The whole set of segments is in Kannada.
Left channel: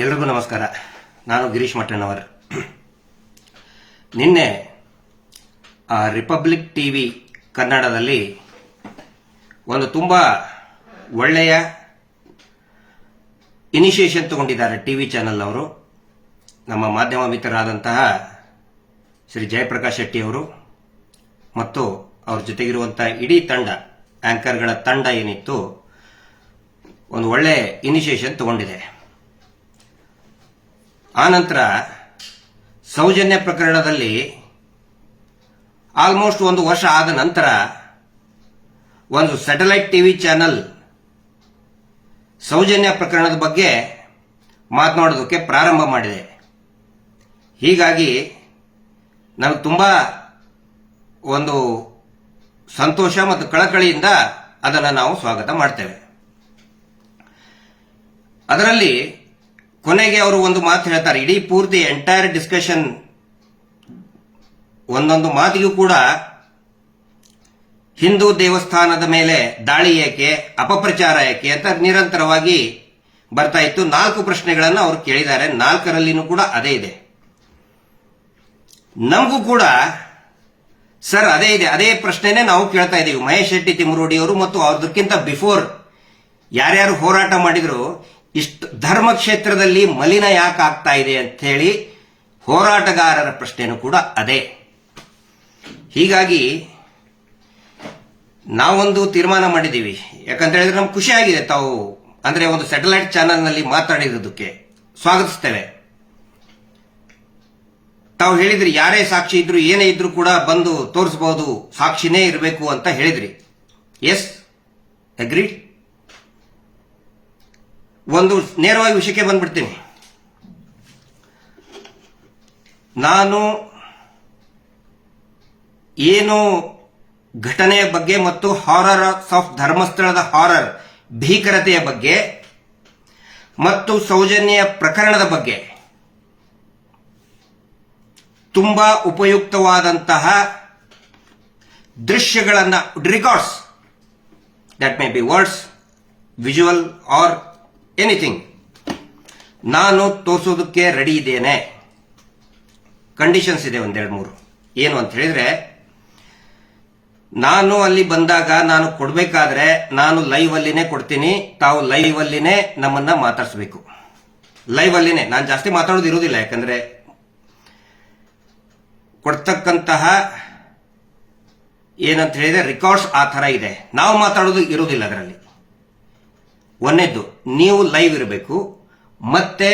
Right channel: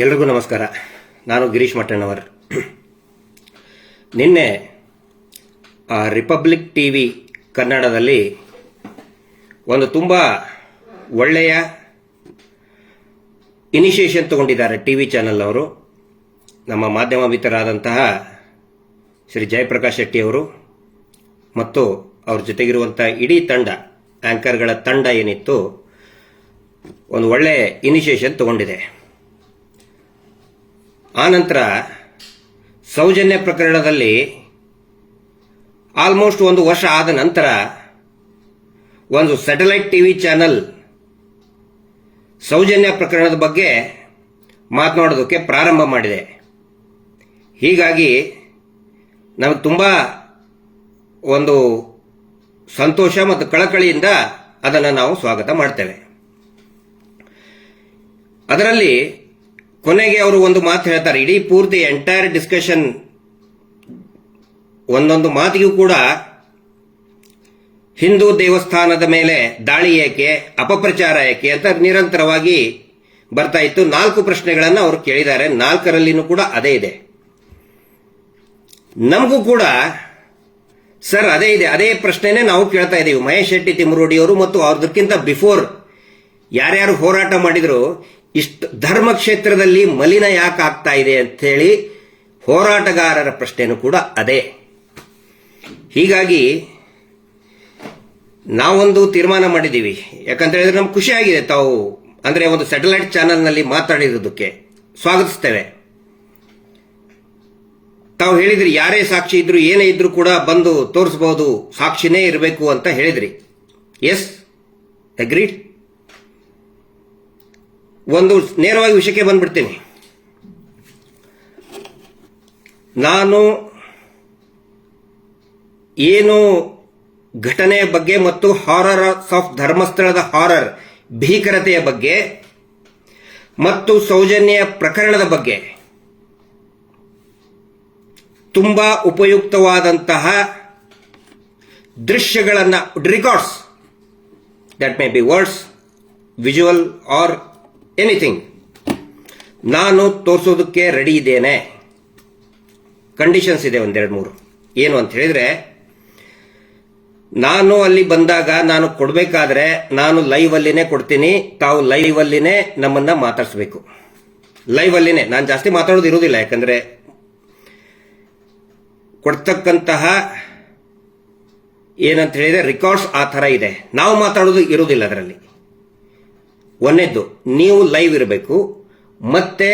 ಎಲ್ರಿಗೂ ನಮಸ್ಕಾರ. ನಾನು ಗಿರೀಶ್ ಮಟ್ಟಣ್ಣವರ್. ನಿನ್ನೆ ರಿಪಬ್ಲಿಕ್ ಟಿವಿ ಕನ್ನಡದಲ್ಲಿ ಒಂದು ತುಂಬ ಒಳ್ಳೆಯ ಇನಿಷಿಯೇಷನ್ ತಗೊಂಡಿದ್ದಾರೆ ಟಿವಿ ಚಾನೆಲ್ ಅವರು. ನಮ್ಮ ಮಾಧ್ಯಮ ಮಿತ್ರರಾದಂತಹ ಶ್ರೀ ಜಯಪ್ರಕಾಶ್ ಶೆಟ್ಟಿ ಅವರು ಮತ್ತು ಅವ್ರ ಜೊತೆಗಿರುವಂತಹ ಇಡೀ ತಂಡ, ಆಂಕರ್ಗಳ ತಂಡ ಏನಿತ್ತು, ಒಂದು ಒಳ್ಳೆ ಇನಿಷಿಯೇಷನ್ ತಗೊಂಡಿದೆ. ಆನಂತರ ಸೌಜನ್ಯ ಪ್ರಕರಣದಲ್ಲಿ ಆಲ್ಮೋಸ್ಟ್ ಒಂದು ವರ್ಷ ಆದ ನಂತರ ಒಂದು ಸ್ಯಾಟಲೈಟ್ ಟಿವಿ ಚಾನೆಲ್ ಸೌಜನ್ಯ ಪ್ರಕರಣದ ಬಗ್ಗೆ ಮಾತನಾಡೋದಕ್ಕೆ ಪ್ರಾರಂಭ ಮಾಡಿದೆ. ಹೀಗಾಗಿ ನಮಗೆ ತುಂಬ ಒಂದು ಸಂತೋಷ ಮತ್ತು ಕಳಕಳಿಯಿಂದ ಅದನ್ನು ನಾವು ಸ್ವಾಗತ ಮಾಡ್ತೇವೆ. ಅದರಲ್ಲಿ ಕೊನೆಗೆ ಅವರು ಒಂದು ಮಾತು ಹೇಳ್ತಾರೆ. ಇಡೀ ಪೂರ್ತಿ ಎಂಟೈರ್ ಡಿಸ್ಕಷನ್ ಒಂದೊಂದು ಮಾತಿಗೂ ಕೂಡ ಹಿಂದೂ ದೇವಸ್ಥಾನದ ಮೇಲೆ ದಾಳಿ ಏಕೆ, ಅಪಪ್ರಚಾರ ಏಕೆ ಅಂತ ನಿರಂತರವಾಗಿ ಬರ್ತಾ ಇತ್ತು. 4 ಪ್ರಶ್ನೆಗಳನ್ನು ಅವರು ಕೇಳಿದ್ದಾರೆ. 4ರಲ್ಲಿನೂ ಕೂಡ ಅದೇ ಇದೆ. ನಮಗೂ ಕೂಡ ಸರ್ ಅದೇ ಇದೆ, ಅದೇ ಪ್ರಶ್ನೆನೇ ನಾವು ಕೇಳ್ತಾ ಇದ್ದೀವಿ. ಮಹೇಶ್ ಶೆಟ್ಟಿ ತಿಮ್ಮರೋಡಿ ಅವರು ಮತ್ತು ಅವ್ರದಕ್ಕಿಂತ ಬಿಫೋರ್ ಯಾರ್ಯಾರು ಹೋರಾಟ ಮಾಡಿದ್ರು, ಇಷ್ಟು ಧರ್ಮ ಕ್ಷೇತ್ರದಲ್ಲಿ ಮಲಿನ ಯಾಕೆ ಆಗ್ತಾ ಇದೆ ಅಂತ ಹೇಳಿ ಹೋರಾಟಗಾರರ ಪ್ರಶ್ನೆನೂ ಕೂಡ ಅದೇ. ಹೀಗಾಗಿ ನಾವೊಂದು ತೀರ್ಮಾನ ಮಾಡಿದ್ದೀವಿ. ಯಾಕಂತ ಹೇಳಿದ್ರೆ ನಮ್ಗೆ ಖುಷಿ ಆಗಿದೆ. ತಾವು ಅಂದ್ರೆ ಒಂದು ಸ್ಯಾಟಲೈಟ್ ಚಾನೆಲ್ನಲ್ಲಿ ಮಾತಾಡಿರೋದಕ್ಕೆ ಸ್ವಾಗತಿಸ್ತೇವೆ. ತಾವು ಹೇಳಿದ್ರಿ ಯಾರೇ ಸಾಕ್ಷಿ ಇದ್ರು ಏನೇ ಇದ್ರು ಕೂಡ ಬಂದು ತೋರಿಸಬಹುದು, ಸಾಕ್ಷಿನೇ ಇರಬೇಕು ಅಂತ ಹೇಳಿದ್ರಿ. Yes, agreed. ಒಂದು ನೇರವಾಗಿ ವಿಷಯಕ್ಕೆ ಬಂದ್ಬಿಡ್ತೀನಿ. ನಾನು ಏನು ಘಟನೆಯ ಬಗ್ಗೆ ಮತ್ತು ಹಾರರ್ ಆಫ್ ಧರ್ಮಸ್ಥಳದ ಹಾರರ್ ಭೀಕರತೆಯ ಬಗ್ಗೆ ಮತ್ತು ಸೌಜನ್ಯ ಪ್ರಕರಣದ ಬಗ್ಗೆ ತುಂಬಾ ಉಪಯುಕ್ತವಾದಂತಹ ದೃಶ್ಯಗಳನ್ನು, records, that may be words, visual or anything, ನಾನು ತೋರಿಸೋದಕ್ಕೆ ರೆಡಿ ಇದ್ದೇನೆ. ಕಂಡೀಷನ್ಸ್ ಇದೆ 1-2-3. ಏನು ಅಂತ ಹೇಳಿದ್ರೆ, ನಾನು ಅಲ್ಲಿ ಬಂದಾಗ ನಾನು ಕೊಡಬೇಕಾದ್ರೆ ನಾನು ಲೈವ್ ಅಲ್ಲಿನೇ ಕೊಡ್ತೀನಿ. ತಾವು ಲೈವ್ ಅಲ್ಲಿನೇ ನಮ್ಮನ್ನ ಮಾತಾಡಿಸಬೇಕು. ಲೈವ್ ಅಲ್ಲಿನೇ. ನಾನು ಜಾಸ್ತಿ ಮಾತಾಡೋದು ಇರುವುದಿಲ್ಲ. ಯಾಕಂದ್ರೆ ಕೊಡ್ತಕ್ಕಂತಹ ಏನಂತ ಹೇಳಿದ್ರೆ ರೆಕಾರ್ಡ್ಸ್ ಆ ಥರ ಇದೆ. ನಾವು ಮಾತಾಡೋದು ಇರುವುದಿಲ್ಲ ಅದರಲ್ಲಿ. ಒಂದನೇದ್ದು, ನೀವು ಲೈವ್ ಇರಬೇಕು. ಮತ್ತೆ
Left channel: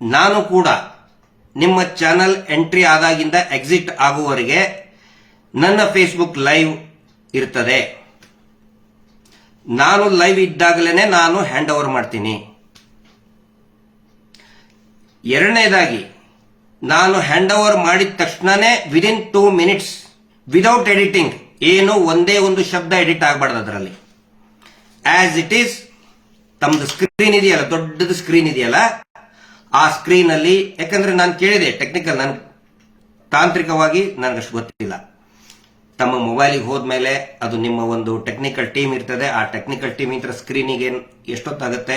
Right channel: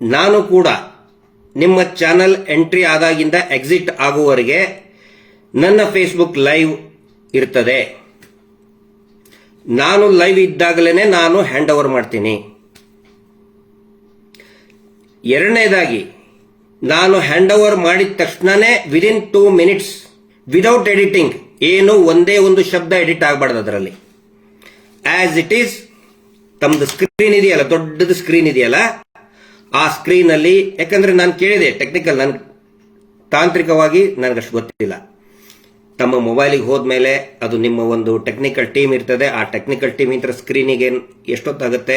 ನಾನು ಕೂಡ ನಿಮ್ಮ ಚಾನಲ್ ಎಂಟ್ರಿ ಆದಾಗಿಂದ ಎಕ್ಸಿಟ್ ಆಗುವವರೆಗೆ ನನ್ನ ಫೇಸ್ಬುಕ್ ಲೈವ್ ಇರ್ತದೆ. ನಾನು ಲೈವ್ ಇದ್ದಾಗಲೇ ನಾನು ಹ್ಯಾಂಡ್ ಓವರ್ ಮಾಡ್ತೀನಿ. ಎರಡನೇದಾಗಿ, ನಾನು ಹ್ಯಾಂಡ್ ಓವರ್ ಮಾಡಿದ ತಕ್ಷಣನೇ ವಿದಿನ್ 2 ಮಿನಿಟ್ಸ್ ವಿದೌಟ್ ಎಡಿಟಿಂಗ್, ಏನು ಒಂದೇ ಒಂದು ಶಬ್ದ ಎಡಿಟ್ ಆಗಬಾರ್ದು ಅದರಲ್ಲಿ. ಆಸ್ ಇಟ್ ಈಸ್ ತಮ್ಮದು ಸ್ಕ್ರೀನ್ ಇದೆಯಲ್ಲ, ದೊಡ್ಡದು ಸ್ಕ್ರೀನ್ ಇದೆಯಲ್ಲ, ಆ ಸ್ಕ್ರೀನ್ ಅಲ್ಲಿ, ಯಾಕಂದ್ರೆ ನಾನು ಕೇಳಿದೆ ಟೆಕ್ನಿಕಲ್, ನನ್ ತಾಂತ್ರಿಕವಾಗಿ ನನಗಷ್ಟು ಗೊತ್ತಿಲ್ಲ. ತಮ್ಮ ಮೊಬೈಲಿಗೆ ಹೋದ್ಮೇಲೆ ಅದು ನಿಮ್ಮ ಒಂದು ಟೆಕ್ನಿಕಲ್ ಟೀಮ್ ಇರ್ತದೆ. ಆ ಟೆಕ್ನಿಕಲ್ ಟೀಮ್ ಇಂದ ಸ್ಕ್ರೀನಿಗೆ ಎಷ್ಟೊತ್ತಾಗುತ್ತೆ,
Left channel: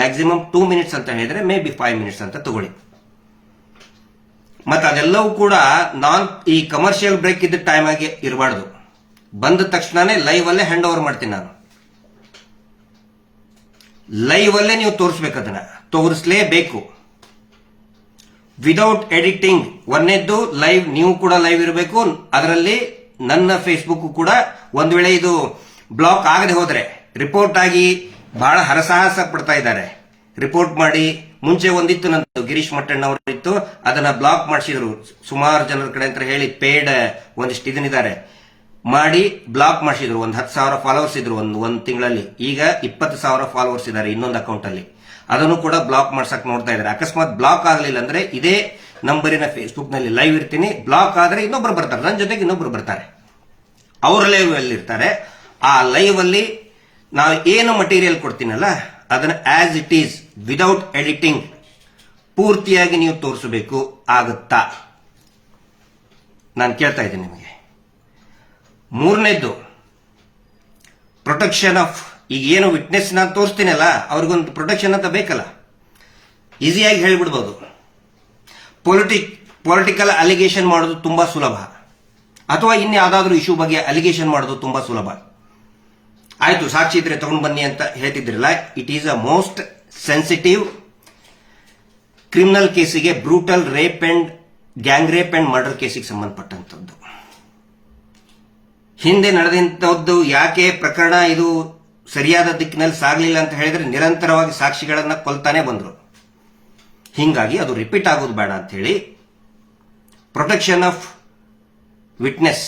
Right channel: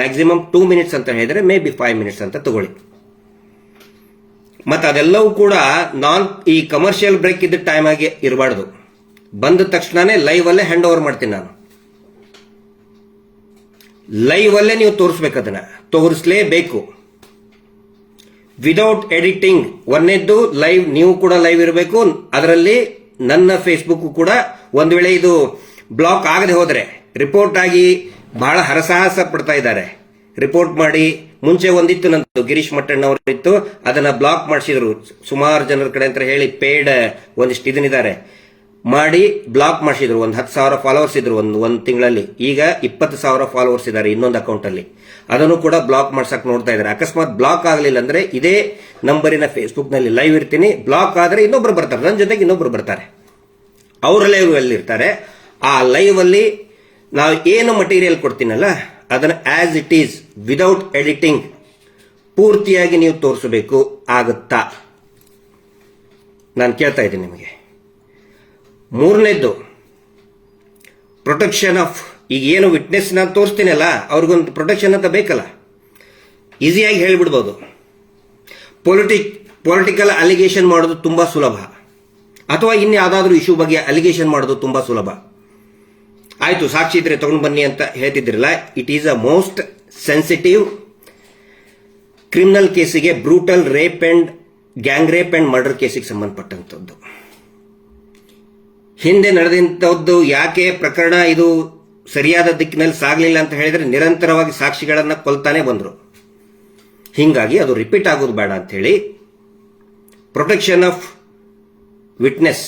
ಮ್ಯಾಕ್ಸಿಮಮ್ 2 ಮಿನಿಟ್ಸ್ ಅಂತ ಹೇಳಿದ್ರೆ ಮೇ ಬಿ 5 ಮಿನಿಟ್ಸ್ ಅಂತ ತಗೊಳ್ಳಿ. ಮತ್ತೆ ಅದೆಲ್ಲವೂ ಕೂಡ ಈ ಕಮರ್ಷಿಯಲ್ ಬ್ರೇಕ್ ಇದ್ದ ಟೈಮ್ ಆಗಿ ಇರಬಾರ್ದು. ಬಂದ ತಕ್ಷಣನೇ ಲೈವ್ ಅಲ್ಲೇ ಹ್ಯಾಂಡ್ ಓವರ್ ಮಾಡ್ತೀನಿ ನಾನು. ಲೈವ್ ಅಲ್ಲೇ ನೀವು ತೋರಿಸ್ಬೇಕು, ಅದನ್ನ ತೋರಿಸಲೇಬೇಕು ವಿದೌಟ್ ಎಡಿಟಿಂಗ್. ಒಂದನೇದ್ದು ಲೈವ್, ನೀವು ಕೂಡ ಲೈವ್ ಇರಬೇಕು. ಅದರಲ್ಲಿ ನನ್ನ ಫೇಸ್ಬುಕ್ ಕೂಡ ಒಂದು ವೇಳೆ ಇದು ಬ್ಲಾಕ್ ಆಗದೆ ಹೋದ್ರೆ, ರಿಪೋರ್ಟ್ ಆಗಿ ಬಹಳ ಹರಸಾಹಸ ಪಡ್ತಾ ಇದ್ದಾರೆ. ರಿಪೋರ್ಟ್ ಮಾಡಿ, ಮುಂಚೆ ಒಂದಿತ್ತು ನಂದು ಗಿರೀಶ್ ಮಟ್ಟಣ್ಣವರು ಇತ್ತು, ಅದನ್ನ ಬ್ಲಾಕ್ ಮಾಡಿಸಿದ್ರು ಸುಮಾರು ಜನರ ಕಡೆ ಅಂತ ಹೇಳಿ. ಪೇಡ್ ಒಂದಿಷ್ಟು ಇದನ್ನಿದ್ದಾರೆ ಮಾಡಿ ಬ್ಲಾಕ್ ಮಾಡಿಸಿದ್ರು. ಒಂದು 10,000 ಫಾಲೋವರ್ಸ್ ಇದ್ರು ಒಂದು ತಿಂಗಳಲ್ಲಿ. ಈಗ 20,000 ಫಾಲೋವರ್ಸ್ ಇದ್ದಾರೆ ಇನ್ನೊಂದು ಅಕೌಂಟ್ ಅಲ್ಲಿ. ಅದನ್ನು ಕೂಡ ಬ್ಲಾಕ್ ಮಾಡ್ಸಕ್ ನೋಡ್ತಾ ಇದ್ದಾರೆ. ಅಕಸ್ಮಾತ್ ಬ್ಲಾಕ್ ಆಗಲಿಲ್ಲ ಅಂದ್ರೆ ಇದೇ ನಂಬರಿನ ಫೇಸ್ಬುಕ್ ನಲ್ಲಿ ಲೈವ್ ಇರ್ತೀನಿ. ಬ್ಲಾಕ್ ಆದ್ರೆ ಇನ್ನೊಬ್ರು ಬರ್ತಾರೆ, ನನ್ನ ಜೊತೆಗೆ ಇನ್ನೊಬ್ರು ಬರ್ತಾರೆ, ಅವ್ರ ಲೈವ್ ಅಲ್ಲಿ ಇರ್ತಾರೆ. ಆ ಲೈವ್ ಅಲ್ಲಿ ನಾವು ಏನು ಮಟೀರಿಯಲ್ ಕೊಡ್ತೀನಲ್ಲ ಅದನ್ನ as it is without editing ಪೂರ್ತಿಯಾಗಿ ನೀವು ತೋರಿಸಬೇಕು. ಆಗುತ್ತಾ? ನಾನು ಕೇಳ್ತಾ ಇದ್ದೀನಿ ನಿಮಗೆ. ಮೂರನೇದ್ದು, ಪ್ರೊಟೆಕ್ಷನ್ ಆಫ್, ಈಗ ಏನು ವಿಟ್ನೆಸ್ ನಾನು ತೋರಿಸ್ತೀನಲ್ಲ ಅವ್ರಿಗೊಂದು ಪ್ರೊಟೆಕ್ಷನ್ ಅಂತ ಬೇಕಲ್ಲ. ಈಸಿಯಾಗಿ ಹೇಳಿಬಿಡ್ಬೋದು. ಪೊಲಿಟಿಕಲ್ ಅಲಿಗೇಷನ್ ಮಾಡೋದು ತುಂಬಾ ಸುಲಭ, ಅಥವಾ ಇನ್ಯಾವುದಾದ್ರೂ ಇಶ್ಯೂ ಬಗ್ಗೆ ಅಲಿಗೇಷನ್ ಮಾಡೋದು ತುಂಬಾ ಸುಲಭ. ಆಯ್ತು, ಸಾಕ್ಷಿ ಇದ್ರೆ ತಗೊಂಡು ಬನ್ನಿ ಅಂತ ಹೇಳ್ತಿದ್ರಲ್ಲ, it is a most sensitive criminal ಕೇಸಿಗೆ, brutal rape and gang rape and murder ಕೇಸಿಗೆ ಸಂಬಂಧಪಟ್ಟಂತದ್ದು. ಹಿಂದೆ ನಡೆದಂತದ್ದು ಯಾಕೆ ಪ್ರಕರಣ ಇದು ಸರಿಯಾದ ದಿಕ್ಕಿನಲ್ಲಿ ಸಾಗಲಿಲ್ಲ ಅಂತ ಹೇಳಿದ್ರೆ, ನಿರಂತರವಾಗಿ ಸಾಕ್ಷಿಗಳನ್ನ ಕೊಲ್ತಾನೆ ಬಂದ್ರು. ಹಿಂಗಾಗಿ ಅದು ರಿಪೀಟ್ ಆಗೋದು ಬೇಡ ಅಂತ ಹೇಳಿ ಪ್ರೊಟೆಕ್ಷನ್ ಆಫ್ ವಿಟ್ನೆಸ್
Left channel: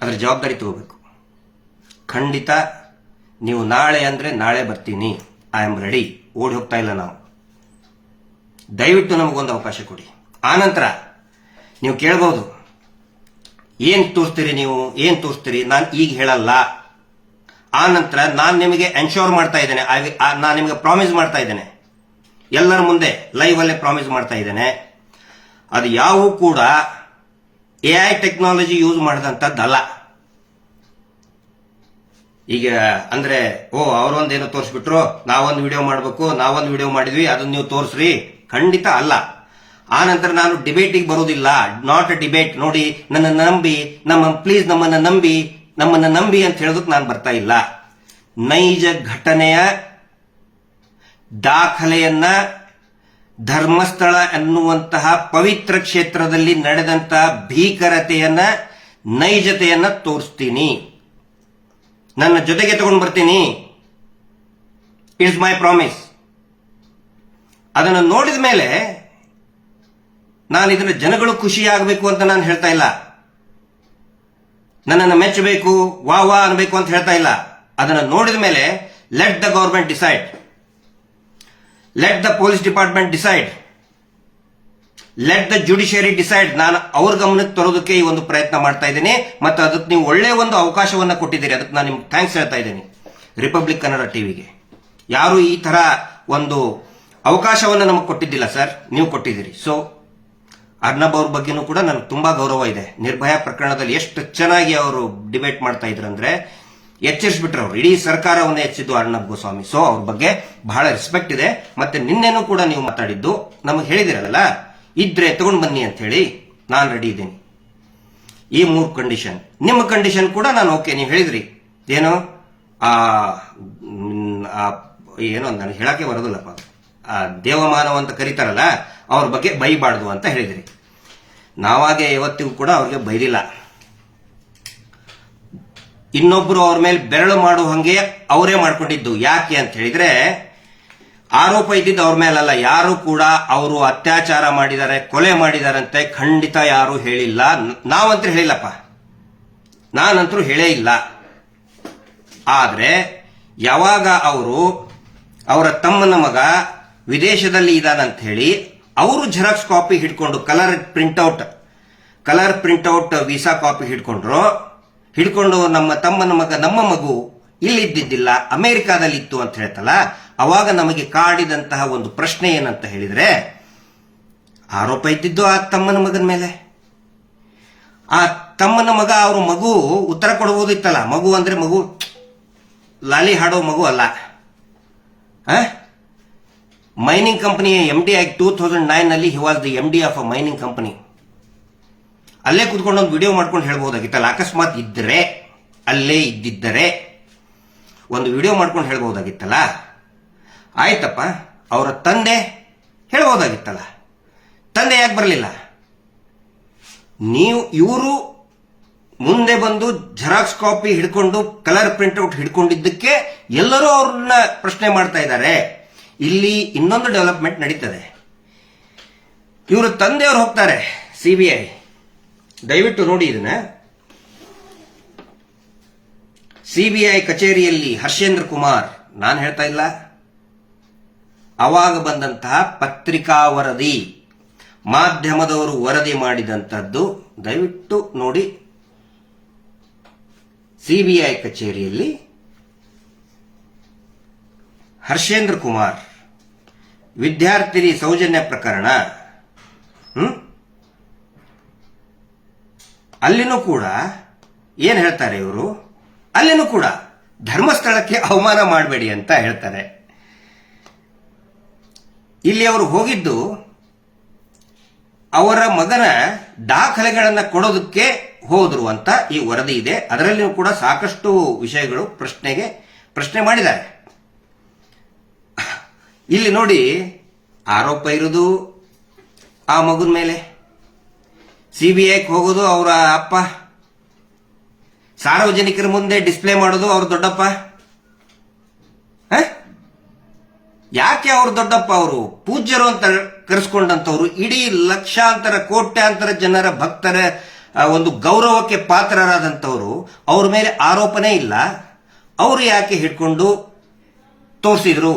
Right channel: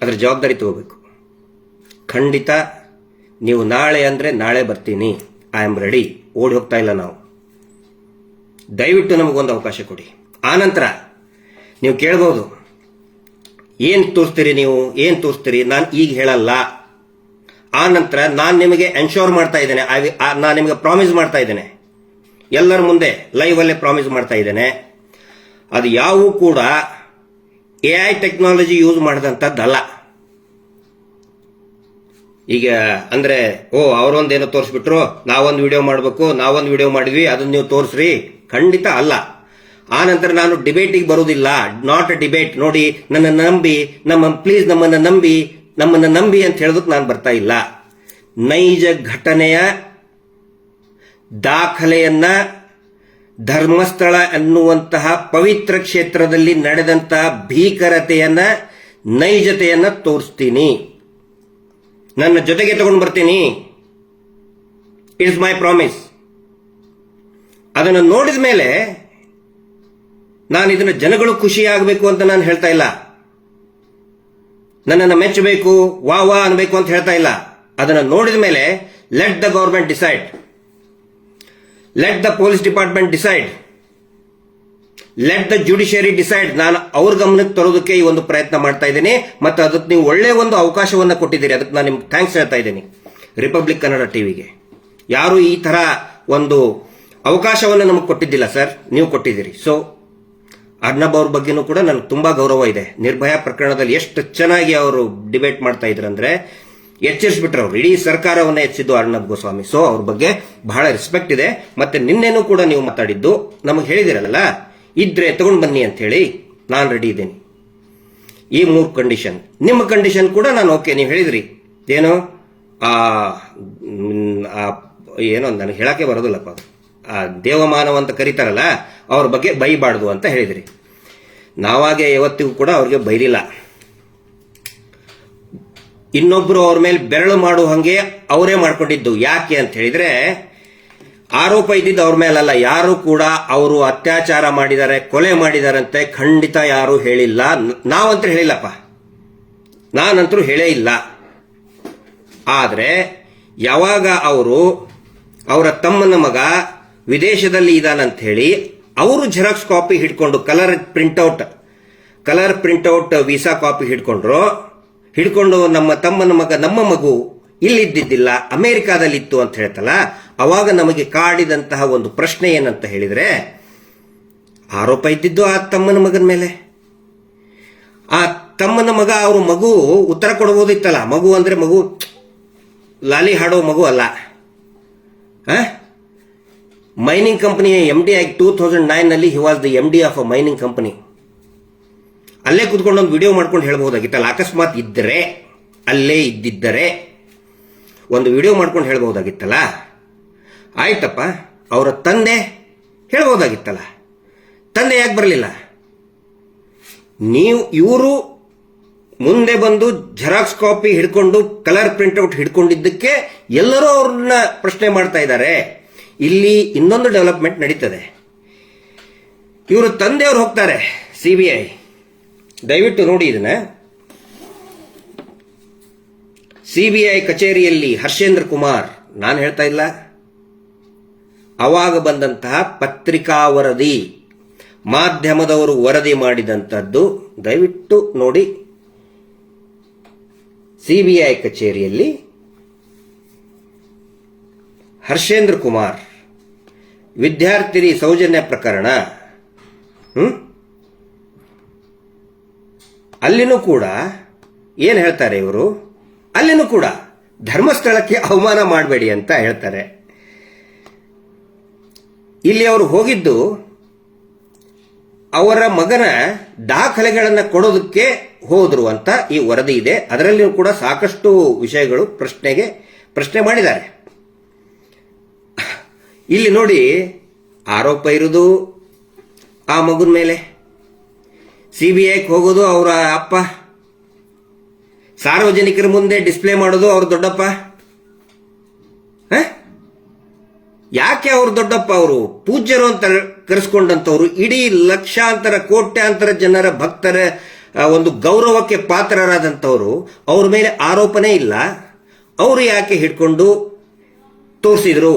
ಅದರ ಜವಾಬ್ದಾರಿ ತಗೋಬೇಕು. ಖಂಡಿತ ನೀವು ನಾಳೆ ಅಂದ್ರೆ ನಾಳೆ ಬರ್ತೀನಿ, ಐ ಆಮ್ ರೆಡಿ, ಓಡಿ ಹೋಗ್ತಾ ಇಲ್ಲ ನಾವು. ದಯವಿಟ್ಟು ನಮಗೊಂದು ಅವಕಾಶ ಕೊಡಿ. ಆನಂತರ ನೀವು ಕೇಳಬಹುದು, ಏನ್ ತೋರಿಸ್ತೀರಿ ನೀವು, ಏನ್ ತೋರಿಸ್ತೀರಿ, ನಾನು ಈಗ ಹೇಳಲ್ಲ. ಆ ನಂತರ ನಾನು ನಿಮಗೆ ಎನ್ಶೋರ್ ಮಾಡ್ತಾ ಇದ್ದೇನೆ, ನಾನು ನಿಮಗೆ ಪ್ರಾಮಿಸ್ ಮಾಡ್ತಾ ಇದ್ದೇನೆ, ಎಲ್ಲರ ಮುಂದೆ ಲೈವ್ ಅಲ್ಲೇ ಪ್ರಾಮಿಸ್ ಮಾಡ್ತಾ ಇದ್ದೇನೆ, ಅದು ಯಾವೂ ಕೂಡ AI ಟೆಕ್ನಾಲಜಿ ಯೂಸ್ ಮಾಡಿದಂಥದ್ದಲ್ಲ. ಈಗ ಅಂದ್ರೆ ಅವರೊಂದೇನೋ ತೋರಿಸ್ಬಿಟ್ರು, ನಾವೊಂದು ವಿಡಿಯೋ ಮಾಡಬೇಕು, ನಾವೊಂದು ವಿಡಿಯೋ ಮಾಡಿದ್ವಿ, ಅದನ್ನ ನೀವು ತೋರಿಸ್ರಿ, ಖಂಡಿತ ಅಲ್ಲ. ಆ ನಂತರ ನಾನು ಡಿಬೇಟಿಗೆ ಬರುವುದಿಲ್ಲ, ನಾಟ್ ಅ ಡಿಬೇಟ್. ನೋಡಿ, ನನ್ನ ನಂಬಿ, ಪ್ಲೀಸ್ ನಮ್ಮನ್ನ ನಂಬಿ ಅಂತ ಹೇಳೋದಕ್ಕೆ ನಾನು ಬರ್ತಾ ಇಲ್ಲ. ನೈಜ ಘಟನೆಯ ದಾಖಲೆಯನ್ನ ಧರ್ಮಸ್ಥಳ ಎನ್ನುವಂತಹ ಪವಿತ್ರ ಕ್ಷೇತ್ರದಲ್ಲಿ ನಡೆದಂತಹ ಭೀಕರತೆಯನ್ನ, ನೈಜತೆಯನ್ನ ತೋರಿಸ್ತೀನಿ, ನನ್ನ ಜೊತೆಗೆ ತಗೊಂಡು ಬರ್ತೀನಿ. It's my promise. ಅದನ್ನು ನೋಡಿದ ಮೇಲೆ ನಾನು ಇದನ್ನ ಜನಗಳು ಖುಷಿಯಾಗಬೇಕು ಅಂತ ನಾನು ಹೇಳ್ತಾ ಇಲ್ಲ, ನನ್ನನ್ನು ಮೆಚ್ಚಬೇಕು, ವಾ ಅನ್ಬೇಕು ಅಂತ ಹೇಳ್ತಾ ಇಲ್ಲ. ಅದನ್ನು ನೋಡಿದ ಮೇಲೆ let the government decide, let the police department decide, let the judiciary decide. ನಾನು ಅವ್ರ ಗಮನಕ್ಕೆ ತರೋದಕ್ಕೆ ಈ ಒಂದು ಪ್ರಯತ್ನ ಮಾಡ್ತಾ ಇದ್ದೀನಿ. ಮತ್ತು ಅದಕ್ಕೆ ನೀವು ಒಳ್ಳೆಯ ಒಂದು ಅವಕಾಶವನ್ನು ಕೊಟ್ಟಿದ್ದೀರಿ, ಅದಕ್ಕೆ ನಾನು ನಿಮ್ಗೆ ಥ್ಯಾಂಕ್ಸ್ ಹೇಳ್ತಾ ಇದ್ದೀನಿ. ರಿಪಬ್ಲಿಕ್ ಕನ್ನಡ ಟಿವಿಗೆ ಯಾರು ಈ ತರ ಒಂದು ಅವಕಾಶವನ್ನು ನಮಗೆ ಕೊಟ್ಟಿದ್ದಿಲ್ಲ ಸರ್, ನೀವು ಕೊಟ್ಟಿದ್ದೀರಿ. ಸೊ ಅರ್ನಬ್ ಅವ್ರ ಬಗ್ಗೆನೂ ಕೂಡ ನನಗೆ ತುಂಬಾ ಗೌರವ ಇದೆ. ನಿರ್ಭಯ ಪ್ರಕರಣದಲ್ಲಿ ಎಷ್ಟು ಚೆನ್ನಾಗಿ ಅವರು ಡಿಬೇಟ್ ಮಾಡ್ತಾ ಇದ್ರಂದ್ರೆ ಎಚ್ಚರಿಸ್ಬಿಟ್ರು ಅವರು, ಇಡೀ ಸರ್ಕಾರವನ್ನ ಎಚ್ಚರಿದ್ದು ಅರ್ನಬ್ ಗೋಸ್ವಾಮಿ. ಸೊ ಅವ್ರ ಬಗ್ಗೆ ಬಹಳ ರೆಸ್ಪೆಕ್ಟ್ ಇದೆ. ಮತ್ತೆ ನಿನ್ನೆನೂ ಕೂಡ ನೀವು ಮಾತಾಡಿದ್ದು ನಮಗೆ ಹೇಳಿದಿರಲ್ಲ, ಇದ್ರೆ ತಗೊಂಡು ಬನ್ನಿ ಅಂತ ಹೇಳಿ, ನಾನು ರೆಡಿ ಇದ್ದೀನಿ. ಈ 3 ಕಂಡೀಷನ್, ನಿಮ್ಮ ಕಂಡೀಷನ್ ಕೂಡ ನಾನು ಓಕೆ. ನೀವು ಹೇಳಿದ್ರಿ ಏನು ಏನೋ ನನಗೆ ಹೇಳಕ್ಕೆ ಬರೋದಿಲ್ಲಪ್ಪ, ದೇವಮಾನವ ಅಂತ ಕರೀತಾರಲ್ಲ, ಅವ್ರ ಬಗ್ಗೆ ಬೈಬಾರ್ದು ಅಂತ ಹೇಳಿದ್ರಿ. ನಾವಾಗೆ ಯಾವತ್ತಿಗೂ ಕೂಡ ಅವ್ರಿಗೆ ಬೈದಿಲ್ಲ. ಇನ್ನೊಬ್ರು ಅವ್ರ ಮೇಲೆ ಬೆರಳು ಮಾಡುವ ಹಂಗೆ ಅವರೇ ಮಾಡ್ಕೊಂಡಿದ್ದು. ಯಾಕೆ ಅಂತ ಹೇಳಿದ್ರೆ, ಆರೋಪ ಇದ್ದಿದ್ದು ಅವ್ರ ಮೇಲಲ್ಲ, ಯಾರು ಕೂಡ ಅವರು ಅತ್ಯಾಚಾರ ಮಾಡಿದ್ದಾರೆ, ಕೊಲೆ ಮಾಡಿದಾರಂತೆ ಖಂಡಿತ ಯಾರು ಹೇಳಿಲ್ಲ. ನಾವಂತೂ ಹೇಳಿಲ್ಲಪ್ಪ, ನಾನಂತರೂ ಹೇಳೇ ಇಲ್ಲ. ಆದ್ರೆ ಯಾವಾಗ ಅವರ ತಮ್ಮನ ಮಗ ವಿದೇಶದಲ್ಲಿ ಇದಾನಂತ ಹೇಳಿ ಅವರು ಜೆರಾಕ್ಸ್ ಕಾಪಿ ಹಿಡ್ಕೊಂಡು ಕಲರ್ ಪ್ರಿಂಟ್ಔಟ್ ವೀಸಾ ಕಾಪಿ ಹಿಡ್ಕೊಂಡು ನಮ್ಮ ತಮ್ಮನ ಮಗ, ನಮ್ಮ ಮಗು ಇಲ್ಲಿದ್ದಿದ್ದಿಲ್ಲ, ಅಮೆರಿಕಾದಲ್ಲಿತ್ತು ಅಂತ ಹೇಳ್ತಲ್ಲ, ಅವಾಗ ನಮಗೆ ಕಾಡಿದಂತಹ ಒಂದು ಪ್ರಶ್ನೆ ಏನಂತ ಹೇಳಿದ್ರೆ, ಆರೋಪ ಇದ್ದಿದ್ದು ಆ ತಮ್ಮನ ಮಗನ ಮೇಲೆ. ಆ ತಮ್ಮನ ಮಗ, ಅವ್ರ ಮಗು ಉತ್ತರ ಕೊಡಬಹುದಿತ್ತಲ್ಲ. ಮಗು ಅಂದ್ರೆ ಮಗು ಲಾಲಿ ಹಾಡೋ ಮಗು ಅಲ್ಲ. ಮೈನಿಂಗ್ ಕಂಪನಿ MD ಆಗಿ 2009 ನಲ್ಲಿ he was the MD of a mining company. ಅಲ್ಲೇ ಕುತ್ಕೊಂಡು ಒಂದು ವಿಡಿಯೋ ಮಾಡ್ಕೊಂಡು ಹೇಳ್ಬಹುದಾಗಿತ್ತಲ್ಲ. ಅಕಸ್ಮಾತ್ ಇದ್ದರೆ, ಅಲ್ಲೇ ಇದ್ದಿದ್ದರೆ ಒಂದು ವಿಡಿಯೋ ಮಾಡ್ಕೊಂಡು ಹೇಳ್ಬಹುದಾಗಿತ್ತಲ್ಲ. ಆಯ್ತಪ್ಪ, ಅವರ ತಂದೆ ಹೇಳ್ಬಹುದಾಗಿತ್ತಲ್ಲ, ತಂದೆ ಯಾಕೆ ಬರಲಿಲ್ಲ? ಇವರು ಮುಂದೆ ಬಂದು ಜೆರಾಕ್ಸ್ ಕಾಪಿ ಹಿಡ್ಕೊಂಡು ಕಲರ್ ಪ್ರಿಂಟ್ಔಟ್ ಹಿಡ್ಕೊಂಡಿದ್ದಕ್ಕೆ ಎಲ್ಲರೂ ಅವ್ರನ್ನ ಪ್ರಶ್ನೆ ಮಾಡ್ತಾ ಇದ್ದಾರೆ. ಇಲ್ಲಿ ಇನ್ನೊಂದು ಡೆವಲಪ್ಮೆಂಟ್ ನಡೀತದೆ. ಇವರ ತಂದೆಯವರು ಹೋಗ್ತಾರೆ CBI, ದಯವಿಟ್ಟು ನೋಡಿ ಇದನ್ನ. CBI ಕಚೇರಿಯಲ್ಲಿ ಹರ್ಷೇಂದ್ರ ಕುಮಾರ್, ನಾನು ಹೇಳ್ತಾ ಇಲ್ಲ, ಅವಾಗ ಬಂದಂತಹ ಪತ್ರಿಕಾ ವರದಿ, ಮಾಧ್ಯಮದವರು ವರದಿ ಮಾಡಿದಂತದ್ದು, ದಯವಿಟ್ಟು ನೋಡಿ. CBI ಕಚೇರಿಯಲ್ಲಿ ಹರ್ಷೇಂದ್ರ ಕುಮಾರ್ ವಿದ್ಯಾರ್ಥಿನಿ ಸೌಜನ್ಯ ಪ್ರಕರಣ, ಅಲ್ಲಿನೂ ಕೂಡ ಏನ್ ಹೇಳ್ತಾರೆ ಇವರು, ಅಲ್ಲಿನೂ ಕೂಡ ಧರ್ಮಸ್ಥಳಕ್ಕೆ ಅವಮಾನ ಮಾಡಬೇಡಿ ಅಂತ ಹೇಳ್ತಾರೆ. ಇಲ್ಲಿ ಅವರು ಹೋಗಿದ್ದು ಅವರ ಮಗನ ದಾಖಲೆಗಳನ್ನು ಕೊಡೋದಕ್ಕೆ ಹೋದ್ರು ಅಂತ ಈ ವರದಿ ಇದೆ. ಅದರಲ್ಲಿಯೂ ಕೂಡ ಸಾಕಷ್ಟು ವಿಷಯಗಳು ಪ್ರಶ್ನೆ ಮಾಡಿದ್ದಾರೆ. ಇಲ್ಲಿ ನೋಡಿ, ಆರೋಪ ಇರುವುದು ಆ ಮಗುನ ಮೇಲೆ, ಸಿಬಿಐಗೆ ಹೋಗೋದು ಅವರ ಅಪ್ಪ, ಸಾರ್ವಜನಿಕರ ಮುಂದೆ ಡಿಸ್ಪ್ಲೇ ಮಾಡೋದು ಅವ್ರ ದೊಡ್ಡಪ್ಪ. ಯಾಕೆ ಅವ್ರ ದೊಡ್ಡಪ್ಪ? ಅವರು ಪೂಜ್ಯರು ಅಂತ ಕರೆಸ್ಕೊಂಡಂತವ್ರು, ಇಡೀ ಲಕ್ಷಾಂತರ ಕೋಟ್ಯಾಂತರ ಜನರ ಭಕ್ತರ ಒಂದು ಗೌರವಕ್ಕೆ ಪಾತ್ರರಾದಂಥವ್ರು, ಅವ್ರ ಮೇಲೆ ಆರೋಪನೇ ಇಲ್ಲ. ಅವರು ಯಾಕೆ ಹಿಡ್ಕೊಂಡು ತೋರಿಸಿದ್ರು?